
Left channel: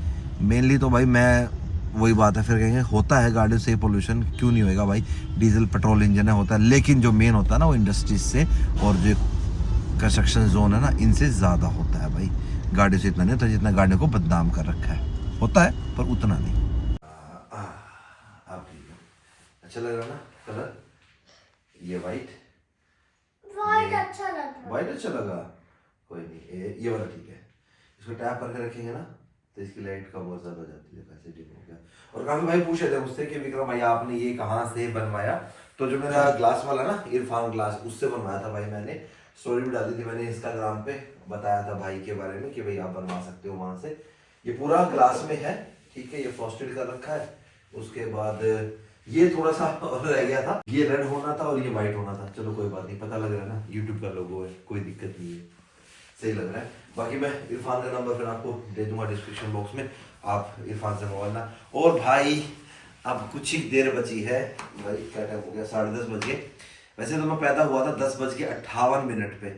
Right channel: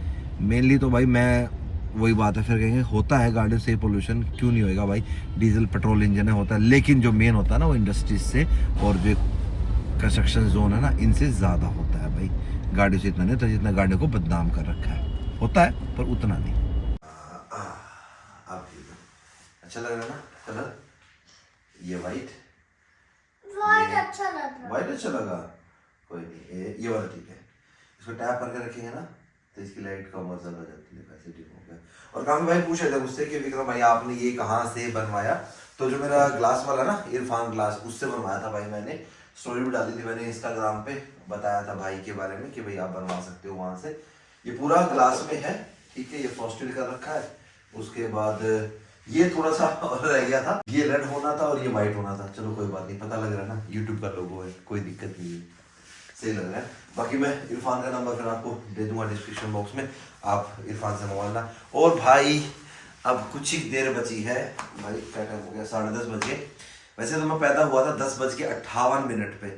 मेनली तो भाई मैं वही बात है, फिर कहेंगे होता है गाड़ियों से पोल्यूशन, क्यों नहीं होएगा भाई, डीजल पेट्रोल इंजन है होता है, लेकिन जो मेन होता है ना वो इंडस्ट्रीज से और जो कंस्ट्रक्शन जोन है ना इनसे ज़्यादा होता है भाई, गाड़ियों से इतना नहीं होता जितना गाड़ियों को बदनाम कर रखा है, होता है पर उतना नहीं। आप ठीक है, अच्छा लग रहा है ना कलर, ये वाइट अच्छा लग रहा, वाइट अच्छा लगा, कोई नहीं ये वाला ठीक है। इसको टैप करके रखेंगे ना तो इसकी लाइट कम और ज़्यादा जाती है, पैसे ठीक हो गया। और काफ़ी भाई पूछे थे मुझसे कि विक्रम भाई आपने ये कहाँ से बनवाया, तो जो मेरा ग्लास वाला ना इरफान ग्लास, उससे बनवाया था भाई मैंने, स्टोरी भी डाली थी मैंने इंस्टाग्राम पे, बताया था भाई के बारे में कि भाई आप बनवा सकते हो वहाँ से। ये पूरा ग्लास में है, ठीक है, ये फ्रॉस्टेड कर रखा है। उसके बाद ये थोड़ा सा और रह गया था, ये रेड होना था और ये वाइट होना था, चलो कोई बात नहीं, पता लग रहा है ना यूट्यूब का लोगो है, कोई दिक्कत नहीं है, सही लग रहा है। बाकी मैं इरफान का नंबर फिर आपको दे दूंगा डिस्क्रिप्शन बॉक्स में, आप इरफान से मंगवाना। और भाई अब कुछ ही देर बची है भाई, क्या टाइम हो गया, 10:30 बज गए। वैसे तो मैं पैदा हुआ था 10:58 पे,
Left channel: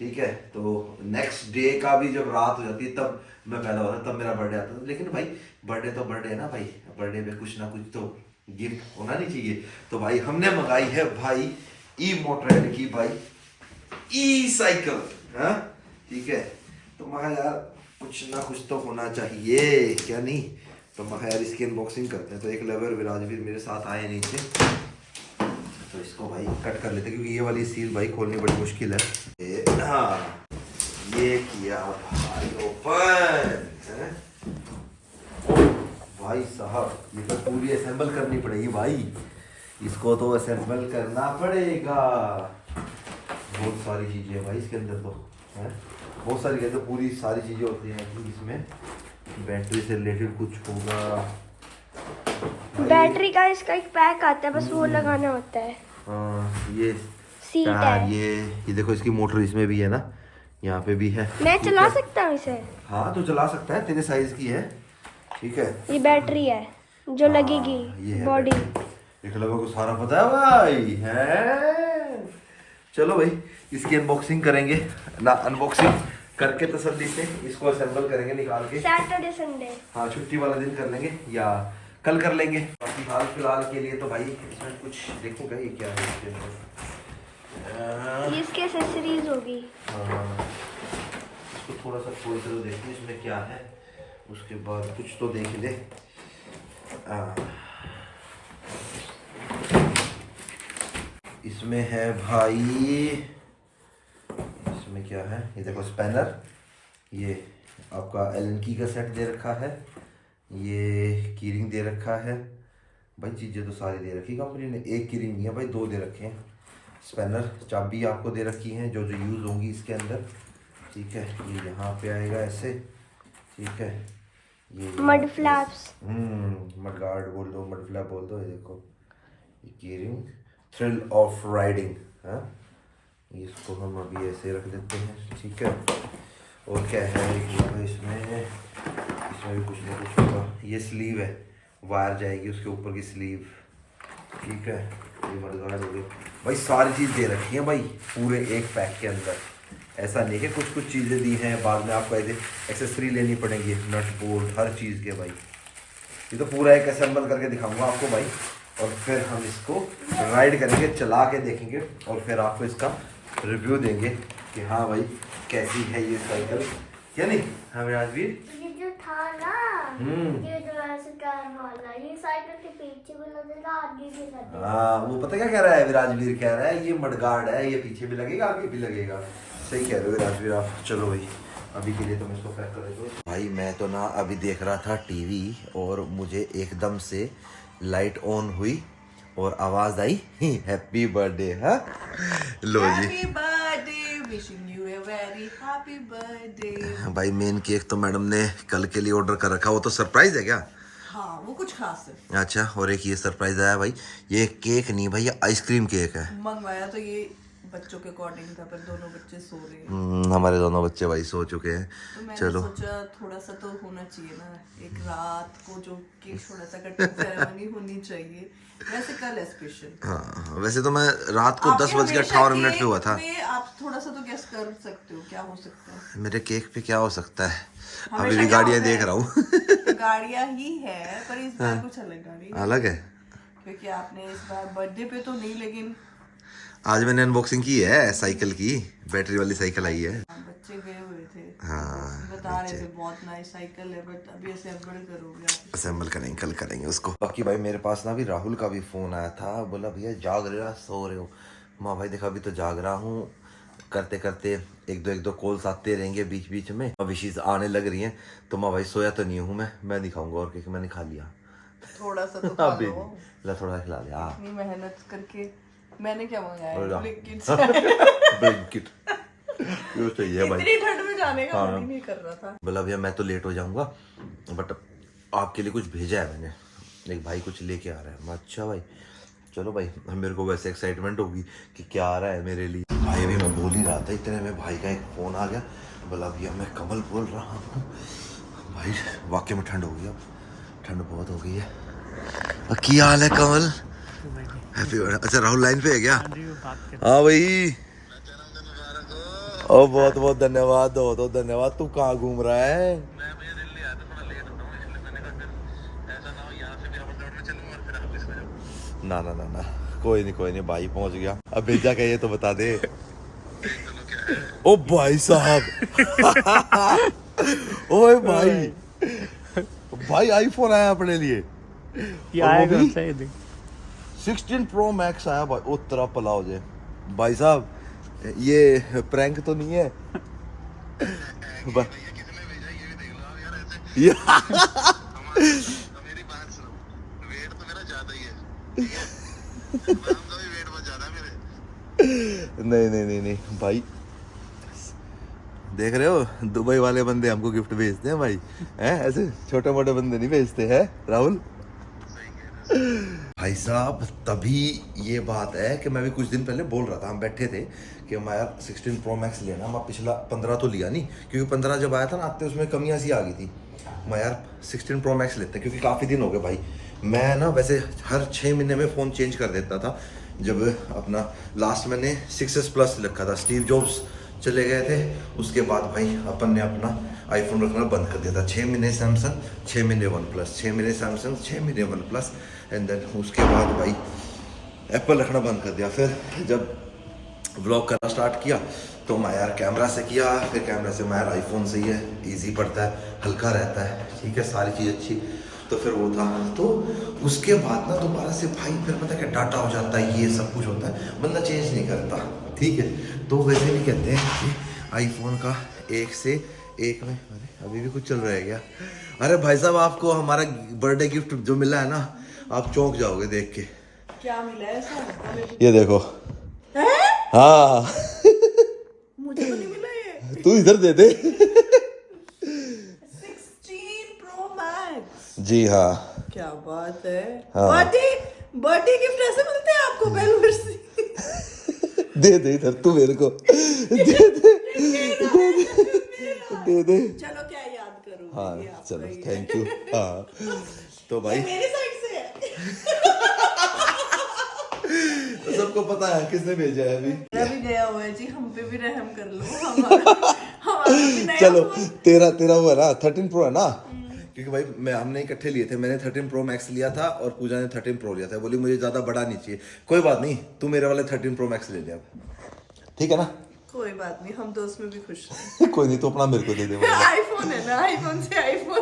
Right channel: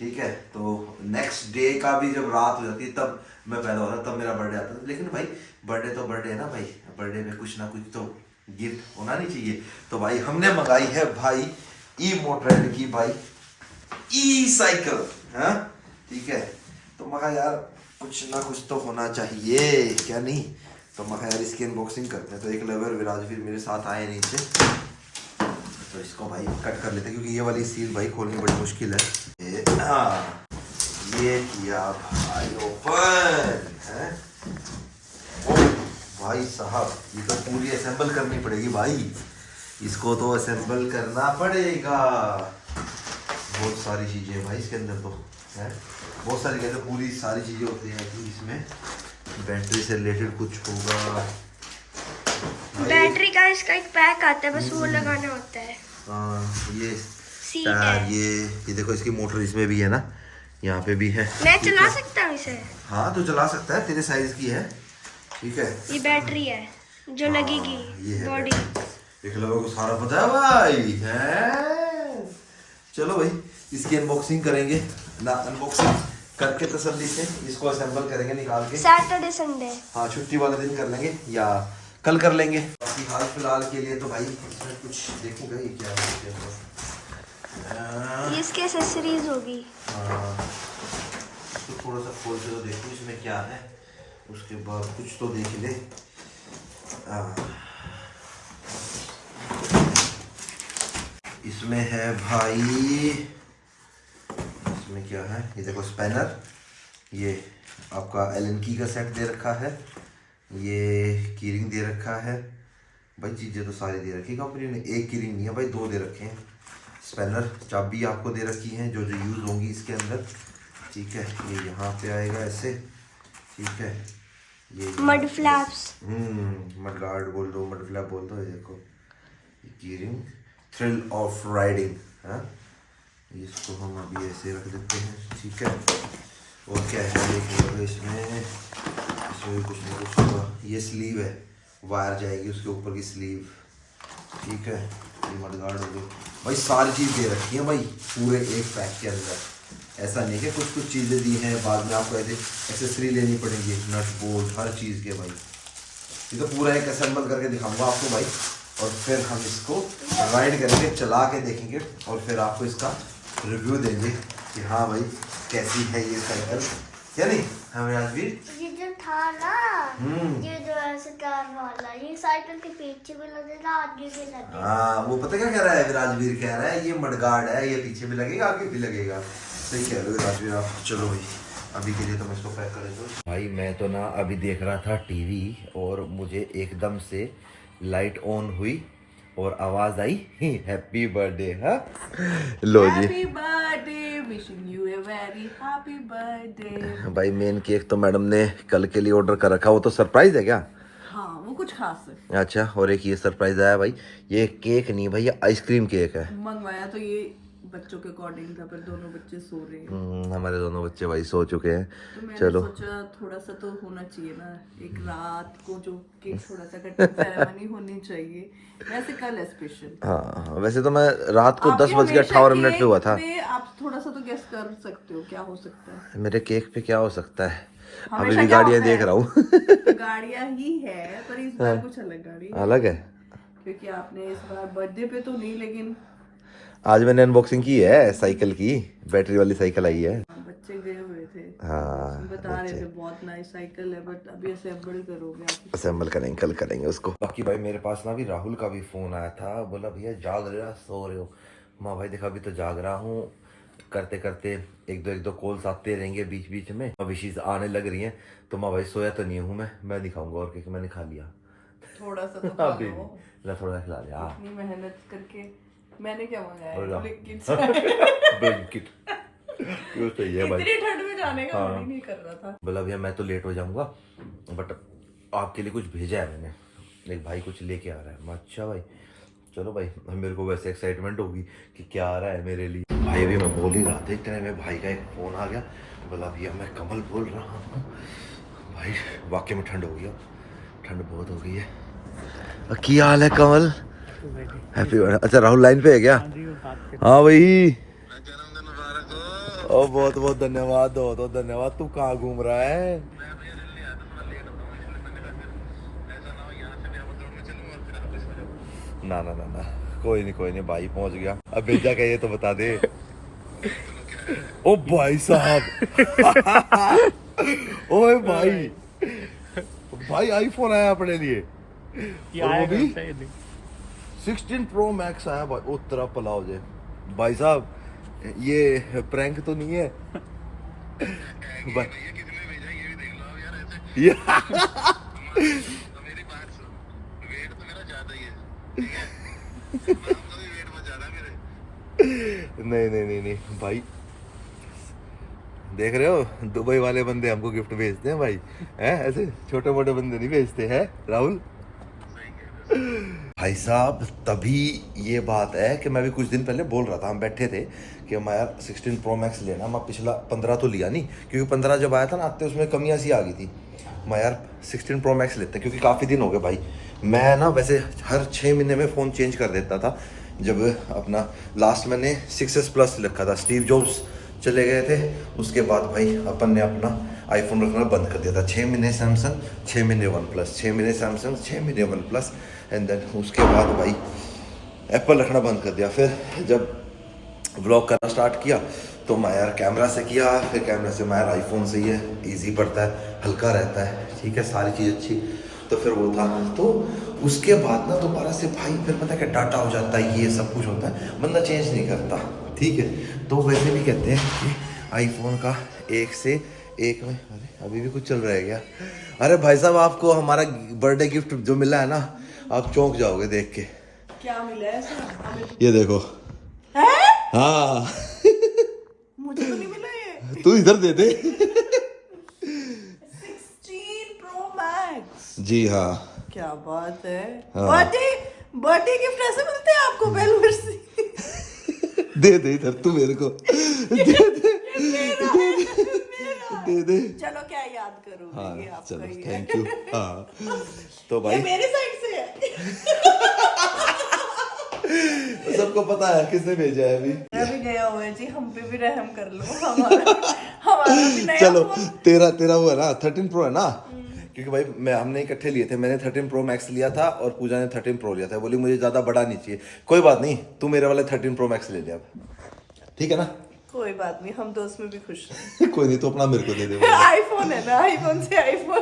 ठीक है। तो नेक्स्ट डे का भी जब रात हो जाती है तब मैं पैदा होता, तब मेरा बर्थडे आता था। लेकिन भाई बर्थडे तो बर्थडे है ना भाई, बर्थडे में कुछ ना कुछ तो गिफ्ट होना नहीं चाहिए। तो भाई हमने मंगाई है भाई ई मोटर की भाई ई साइकिल, हाँ ठीक है। तो मगा यार कुछ ना कुछ तो होना चाहिए, क्या नहीं। तो मगा यार इसकी अनबॉक्सिंग करते हैं। तो एक लवर विराजवीर मेरे साथ आए नीचे, तो इसको भाई कट कर लेते हैं क्योंकि ये वाली सील भाई खोलनी बड़ी मुश्किल है। हाँ ये किया भाई ओपन है। भाई साहब ये तो पूरी असेंबल करनी पड़ेगी भाई, इसको तो असेंबल करना पड़ेगा। बहुत सारी चीज़ें भाई इसके अंदर तो है, बहुत सारी कहते पूरी सारी चीज़ें होती हैं इसमें। बैटरी से रिलेटेड कुछ होगा, बैटरी का इसका एक पैक आता है, बस वो लगाना होता है। ये सीट टायर, है। ये देखो इसकी मोटर इसमें भी है ना, यहाँ पे भी है। मैं चला सकता हूँ इसे? हाँ तो चला सकता है, तेरे साइज की है, ठीक है। ये बैटरी है जो ये लगेगी है बॉडी। देख लो को सारा पता है भाई है। चलो भाई इसकी अनबॉक्सिंग करेंगे ना, अनबॉक्सिंग करके तसल्ली से इसको असेंबल करेंगे निकाल के। सैटरडे संडे, हाँ छुट्टी वाले दिन कर लेंगे या कल कर लेंगे। बाकी हाल फिलहाल के लिए तो भाई इसमें कुछ देखूंगा ये क्या है इसके अंदर। ये इसकी एक्सेसरीज होगी। हाँ इसको थोड़ा सा खोल के तो देखो इसमें क्या है, उसके बाद कुछ तो देख ले। इसमें है भाई, इसमें क्या है ये देखो स्पैनर, ये आपका एलन की का सेट दे रखा है, ये कीरिंग दे रखा है भाई। चीज़ें तो सारी दे रखी कंपनी ने, एक कीरिंग नहीं है भाई, दो दे रखे हैं। स्पैनर चाबी आपको दे रखी है जो जो यूज़ होंगी इसके अंदर, ठीक है। ये यहाँ पे आएगा ऐसे, ठीक है। ये मड फ्लैप्स, मड गार्ड बोल दो, मड फ्लैप बोल दो। ये देखो ये कीरिंग, थ्रिल ऑफ राइडिंग, हाँ इसको हम अभी ऐसे रख देते हैं, ठीक है। और क्या है इसमें, इसमें भी कुछ ना कुछ होगा। ये स्लीव है, वायर जाएगी उसके ऊपर की स्लीव, ठीक है। ये मडगार्ड हो गई भाई, सारी चीज़ दे रखी है भाई पूरे एक पैक के अंदर। ऐसा नहीं कि कुछ कुछ चीज़ें दी हैं बाद में आपको ऐसे एक्सेसरी लेनी पड़ेंगी, नट बोल्ट हर चीज़ के भाई। ये तो पूरा एक असेंबल करके दिखाऊंगा आपको भाई, और फिर हम इसको राइड करेंगे, चला के देखेंगे और फिर आपको इसका रिव्यू देंगे कि हाँ भाई कैसी है ये साइकिल, क्या नहीं। हाँ राजवीर, ये जो था ना, ये जो ऐसे करने वाला, ये साइकिल के पीछे भी लगेगा आगे भी लगेगा। हाँ वो पता क्या कह रहा है विराजवीर, कह रहा है ये मडगार्ड है, ये पीछे भी लगेगा आगे भी लगेगा। सही कह रहे हो विराजवीर आप। चलो भाई अभी के लिए तो मैं इसको पैक कर देता हूँ। भाई मैं तो ना अभी देख रहा था टीवी और मुझे एकदम से लाइट ऑन हुई और आवाज आई हैप्पी बर्थडे। हाँ लो जी, happy birthday, wishing you a very happy birthday. भाई मेन केक तो मैडम ने कल के लिए ऑर्डर कर रखा, वो तो सरप्राइज है क्या? हाँ वो कुछ खास है। अच्छा, और एक ये सरप्राइज आया भाई, ये केक नहीं भाई, ये आइसक्रीम केक है। मंगवाया तो ये बच्चों के अकॉर्डिंग था, पर दोनों बच्चे सो रहे हैं। हमारे दोनों बच्चे भाई सो चुके हैं। तो मैंने चलो सोचा थोड़ा सा तो होना चाहिए ना, एक रात को जो केक थोड़ा सा कटिंग सेरेमनी होनी चाहिए, वैसे कल है स्पेशल। हाँ वैसे तो मैं रात को 10:58 पे हुआ था। आप थोड़ा सा तो गेस कर सकते हो क्या हो सकता है मेरे केक पे क्या हो सकता है, हमेशा अभी भी क्या गाड़ियाँ होता है? देख रहा हूँ। गाड़ियाँ ही है, पर इस बार कुछ अलग गाड़ी है। अलग है, क्योंकि आपने इस बार बर्थडे पे तो नहीं, लेकिन आज मैंने अनबॉक्सिंग की है साइकिल की, बैटरी वाली साइकिल आई है। बच्चे गए हुए थे, हाँ बता रहे थे बहुत नाइस साइकिल है, बट अभी असेंबल करोगे आप। असेंबल करेंगे, कल करेंगे उसको। बाकी भाई मेरे पास ना भी राहुल का भी फोन आया था, बोला भैया जाग रहे हो सो रहे हो? माँ भाई देखा अभी तो जाग रहा हूँ, करते करते एक दो कॉल्स आते रहेंगे बीच बीच में, विशेष आने लग रही हैं। तो माँ भाई सोया तो नहीं हूँ मैं दिखाऊंगा और केक मैंने खा लिया थोड़ा सा तो खा अभी लो। ला थोड़ा खिला दिया। इतनी मेहनत करके मैंने क्या मंगाया और है, ब्लैंकेट ये सही है भाई। इतनी ठंड में जाने का मन ही नहीं कर रहा था। बोला भैया मैं तो लेट हो जाऊंगा, बट आपके लिए कुछ भेजा है मैंने, एक भाई कुछ लेके आ रहा है। मैं अच्छा भाई चलो भाई, मेरे को वैसे एक्साइटमेंट होगी कि क्या आ रहा है मेरे लिए। भाई अभी मैं बोल ही रहा था, इतने में भाई का एक फ़ोन आ गया, बोला भैया मैं कमल बोल रहा हूँ। भाई वाकई में ठंड हो गई, ठंड बहुत हो गई है। क्या हाल है कमल? Happy birthday. अच्छा राहुल लाइन पे है क्या? हाँ भाई और बहुत बहुत धन्यवाद, बहुत धन्यवाद। तू कहाँ घूम रहा है? ना ना ना ना, कोई नहीं भाई, पहुंच गया। अब भेजा क्या ये तो बता दे। ओ भाई साहब। ओए भाई, भाई आईफोन आया अपने लिए, और वो भी 16 प्रो मैक्स आया भाई। ओ तेरा भला हो जाए भाई साहब, ये प्रैंक तो नहीं है? ये नहीं भाई, देख रहे हो, दुबई वाले बंदे हमको गिफ्ट भेजते हैं भाई, हैं? ऐसे छोटे मोटे बंदे नहीं भेजते हैं राहुल। भाई साहब, तभी ये बात है कि मैं भी कुछ दिन पहले बोल रहा था, हम बैठे थे कि मैं यार 16 प्रो मैक्स लेना। मैं पिछला 15 तो लिया नहीं, क्योंकि 15 जब आया था ना आते उसमें कमियां सी आ गई थी। मैं यार 16 प्रो मैक्स लेते, क्योंकि काफ़ी दिन हो गए भाई। मैं ना वैसे हर 6 महीने में फ़ोन चेंज कर देता था। जब अपना लास्ट मैंने 6s प्लस रखा था, स्टीव जॉब्स चले गए थे, उसके बाद भाई अपन ने अपना आईफोन रखना बंद कर दिया था। 6 महीने सैमसंग, 6 महीने वन प्लस, 6 महीने सैमसंग, 6 महीने वन प्लस, एंड देन उसके बाद भाई एप्पल रखना बंद कर दिया। फिर जब व्लॉग करना स्टार्ट किया तो मैं यार कैमरा से किया, फिर कैमरा से मैं यार आईफोन से ही है, इजी पड़ता है, हल्का रहता है, ठीक है, सारी चीज़ अच्छी। तो फिर वो था, तो उसके बाद ना दोबारा से भाई फिर पता है क्या डाटा हो जाता है, ये सब कुछ होता है, बंदा चेंज नहीं करता, ठीक है। तो वैसे भी कहते हैं कि आईफोन का एक से एक में, अरे अभी भी कुछ चल रहा है क्या? अरे भाई साहब, आपको हमारा बर्थडे गिफ्ट जो मिला है ना, आप चौंक जाओगे देख के। क्या मिला है सर? ये देखो। हाँ मुझे तो नहीं मिला ये। तू इधर दे दे। 16 प्रो मैक्स। जी हाँ। क्या बात है। हाँ। बर्थडे गिफ्ट ऐसे मिलते हैं आपको बेलवर्सी? दे दे इधर, तू मेरे को दे दे। चलो क्या याद करूँ। हाँ ये आपका चलो, ही है। Thank you. हाँ तो भाई ये मेरे साइड से है। तो सबको पता है किसने भेजा है अभी। मेरा भी गया हुआ है जी, हम पे भी रहम कर लो। हमारा भी नया चलो फोन। तेरा वो है ना 13 प्रो है ना, क्योंकि भाई हमने इकट्ठे लिए थे। मैंने 13 प्रो मैक्स लिया था और पूजा ने 13 प्रो लिया था। बोली मुझे ज्यादा बड़ा नहीं चाहिए। कोई बात नहीं, तू मेरे वाले 13 प्रो मैक्स ले लिया अब, ठीक है ना? कोई बात नहीं, हम तो उसमें भी खुश हैं। कोई नहीं, तो अपना मेरे को दे दे। आईफोन है ना, आईफोन से आईफोन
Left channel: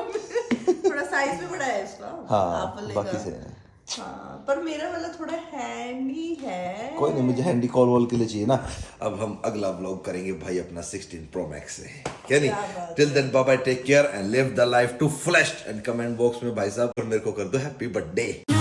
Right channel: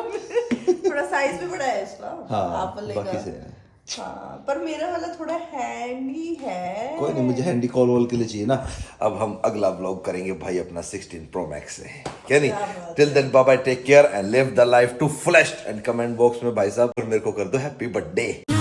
थोड़ा साइज भी बड़ा है इसका। हाँ एप्पल बाकी का। से है। हाँ, पर मेरा वाला थोड़ा हैंडी है। कोई नहीं, मुझे हैंडी कॉल वॉल के लिए चाहिए ना। अब हम अगला व्लॉग करेंगे भाई अपना 16 प्रो मैक्स से, क्या नहीं? Till then bye bye, take care and live the life to fullest. And comment box में भाई साहब मेरे को कर दो हैप्पी बर्थडे।